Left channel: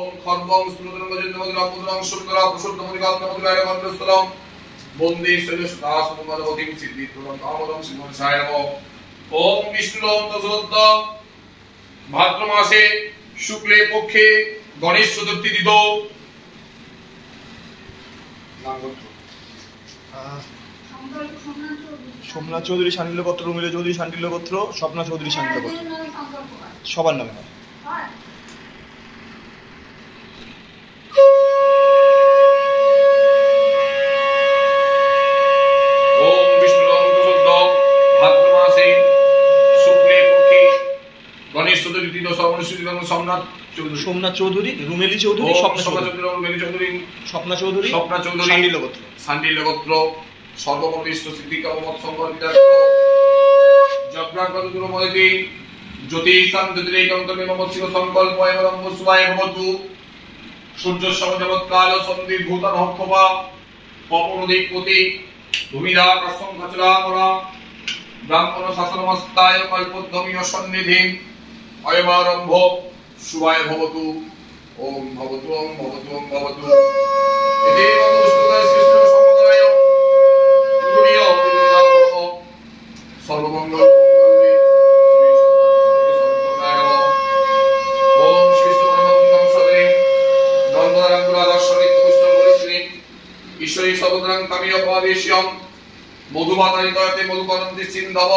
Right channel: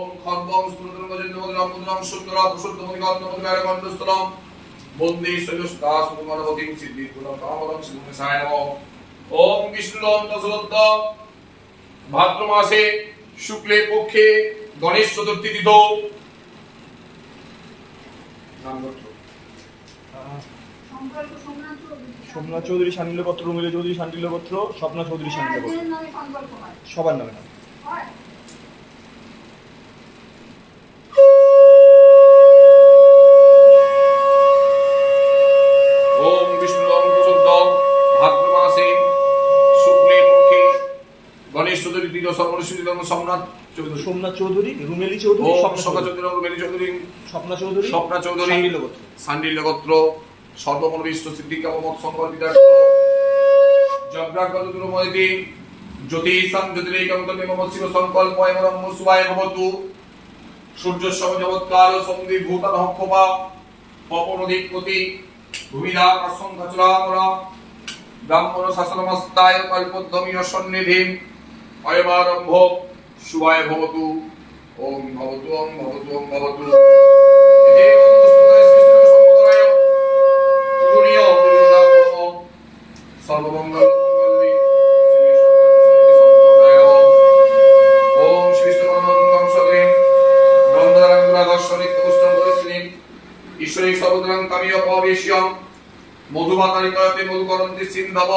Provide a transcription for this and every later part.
ওম খর্বং স্ফুরদং গজেন্দ্রমদিরাম মুদ্রাং শুদ্ধরা প্রশুদ্ধমদিগাম নমদিরায় গন্ধস্থলম বন্দে শৈলসুদাস মুমরবতীম সিদ্ধিপ্রদম কামদং শিবমনসায় নমঃ। ওম বিষ্ণুরম তসরদ্দ ভাদ্র মাসে শুক্লে পক্ষে গণেশ চতুর্থী তিথি নামগোত্র সোমনাথ চৌধুরী শান্ডিল্য গোত্র, রুমিলা চৌধুরী শান্ডিল্য গোত্র, স্বপ্না চৌধুরী শান্ডিল্য গোত্র, সবার নামে নয়। ওম বিষ্ণুরম তসরদ্দ ভাদ্র মাসে শুক্লে পক্ষে গণেশ চতুর্থী তিথি সর্বনিষ্ঠিতম সোমনাথ চৌধুরী, রুমেলি চৌধুরী, স্বপ্না চৌধুরী, শান্ডিল্য গোত্র, শান্ডিল্য গোত্র সর্বমনিষ্ঠ সিদ্ধিকামত সম্পর্কিত যজ্ঞাগতময়তি জ্যোতিষাং জ্যোতিরেকন্তমে মম শিব সংকল্প এবং মুসবায় ভবতু সূর্য সমজবৎকাল সন্ধি ভূতানহক্ষপা পবনদিকপতি ভূমিদা প্রসংঘচরামরা ব্রাহ্মণ শাসনমস্তায় কল্পোদ্ধমীয় সন্নিধি অয়মারম্ভ শুভায় ভবতু। ওম ভবতু ওম ভবতু ওম ভবতু। সর্বমঙ্গল ওম শ্রী স্তবনমতং সদে নন্দরাঙ্গুলা দর্শনিত পুষ্টং পরিশ্রীম ঈশ্বরী সর্বদ্রাং কামিয় পবেশ্যম মধুমাতারিতয়তে মধুকরন্তি সিন্ধব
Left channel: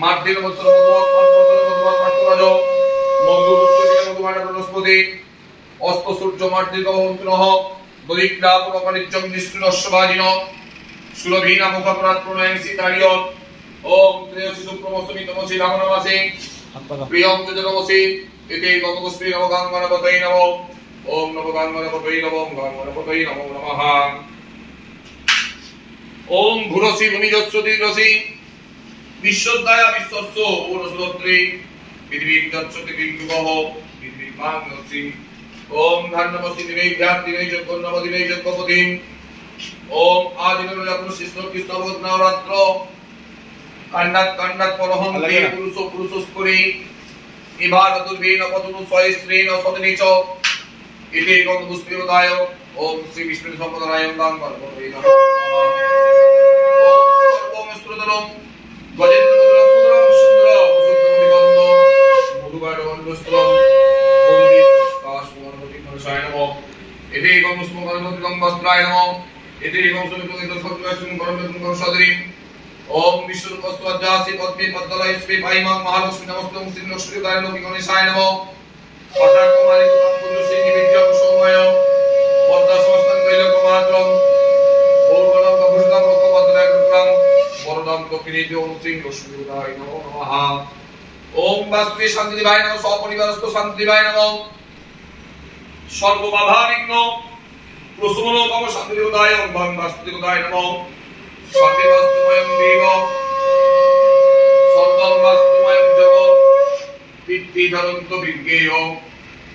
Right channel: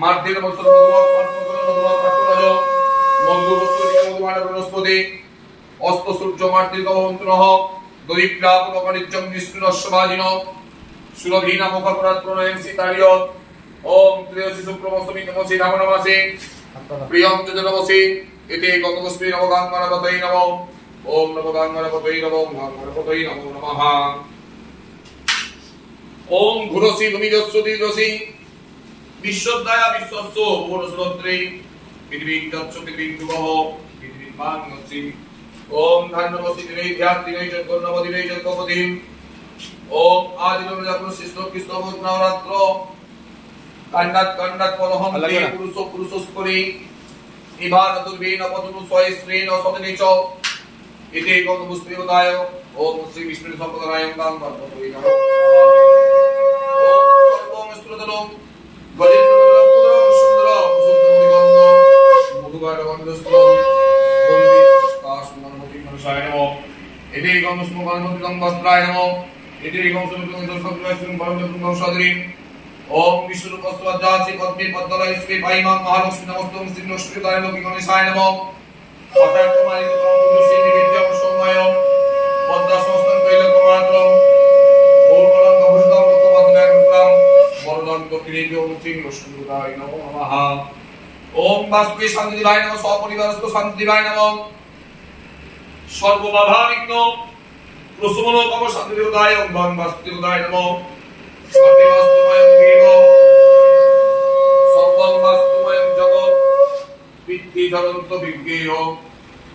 মার্দিন মৎসর মধুমৎ মধুমৎ পাত্ররাজ মধুপুষ্পতিকা মধুমানা বনস্পতি অস্ত সূর্য মার্দিক ভবন্তনঃ দরিদ্রা পুরকনিত্যং নিষ্ঠুরস্বভাজিন সুরভীনা মুখপরাত প্রণয়ং সীতারিয়। ওম ত্রয়োদশী শুক্লপঞ্চমী তমসী রামনমাসে প্রিয়ং যজনমসি এতে গতকস্মী নবগাঙ্গনপতৈ নমঃ। ওম নবগাঙ্গনপতৈ নমঃ গাঙ্গনপতৈ নমো নমঃ। ওম ঘুরসি ভূমিজস্য দীর্ঘসি বিশ্বদায়া বিশ্বস্য পুরুষরত্রে পৃথিবীর তৎস পৃথিবীর্ভুবঃ পৃথিবীর্মাংসি। ওম ধান্যমসি দিবৈ ধ্যাত্তিবৈ যজ্ঞর্ণমদিবৈ যজ্ঞপতিম। ওম আদিনরজাতু শিষ্ণ কৃষ্ণবোধ নবরাত্র কান্নাত কান্নাত পরহং তে পুরুষ পুরুষস্করি ইবাদতুর্বেন পদতু সয়স্ত্রেণ সদনিচ ইতি গতপুষ্পিবদায়। ওম শ্রী বিষ্ণু সম্পদায় গাং পরপতৈ নমঃ। ওম সর্বং স্ত্রোতরং গজেন্দ্রমন্ডলং পুরং সুন্দর সুন্দরমণিগন্ধ মধুবারগন্ধস্থলং বন্দে কাশমনমতি মনসায় নমঃ। ইতি গমস্মগণমতিগং বস্ত্রায় নমঃ। ইতি গমসমিতং দর্শকদ্বয়স্তুং পরমতং সদরিম। ওম বিশ্বরূপস্ত্বজ্জাসি পদ্মে পদ্মলয়স্মে পাইমাং মহালক্ষ্মী নমস্তুং শ্রীলক্ষ্মীদায় লোকি গণেশায় নমঃ। অটাকুমারিতং পুরুষে নিবেদ্যং সৌম্যয় পদ্মাসমস্তং ত্রৈলোক্যমাত্রং গৌরবলং ভূষিতং রক্তপদ্মনায়কং বরদং দক্ষিণেভ্যো শ্রীলক্ষ্মীদায় নমো নমঃ। ওম বাস্পে শান্তিদেবায় নমঃ। সপরিবারস্থ শান্তিদেবায় নমঃ। সর্ববাধাবিঘ্ন প্রশমনকম শান্তিদেবতায় ওম বাস্তুদেবতায় নমঃ। সর্ববাস্তুময়ং দেব সর্ববাস্তুময়ং জগৎ বিদ্যিধরন্ত বিজ্ঞেয়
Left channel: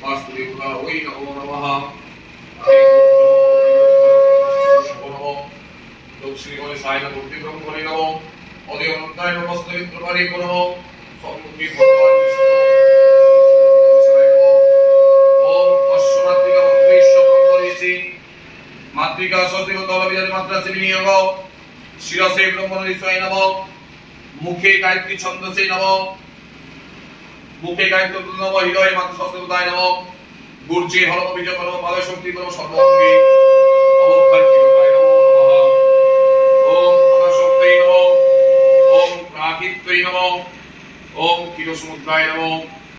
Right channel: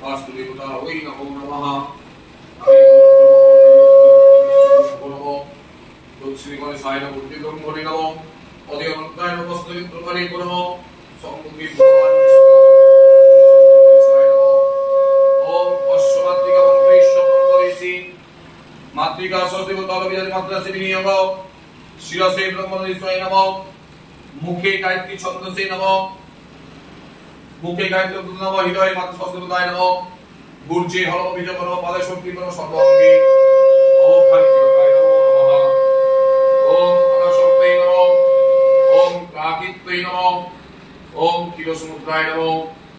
বাস্তুদেবতা ওই নমো নমঃ। লক্ষ্মী গণেশায় নমঃ। বুদ্ধিব্রহ্মণে নমঃ। অদি অনন্তায় নমঃ। স্তবিত্রকারী নমঃ। সমুদ্রী ভগবান ওম অশ্বমাতৃকা মন্ত্রেশ্বর করেছি মাতৃকা সদেবতা বিজয় মাত্রাসে বিনিয়োগ শিরসে ব্রহ্মণেশ্বরায় নমঃ। মুখে গায়ত্রী ছন্দসে নমঃ। মুখে গায়ত্রী নমঃ। হৃদয়ে মাতৃ সদেবতায় নমঃ। গুর্জে হলম বীজ নমঃ। পাদে শক্তি নমঃ। সর্বাঙ্গে অবক্ষায় নমঃ নমঃ। ওম অনাশক্তৈ নমঃ। ওম প্রাকৃত্যৈ নমঃ। ওম ক্ষীরসমুদ্রায় নমঃ।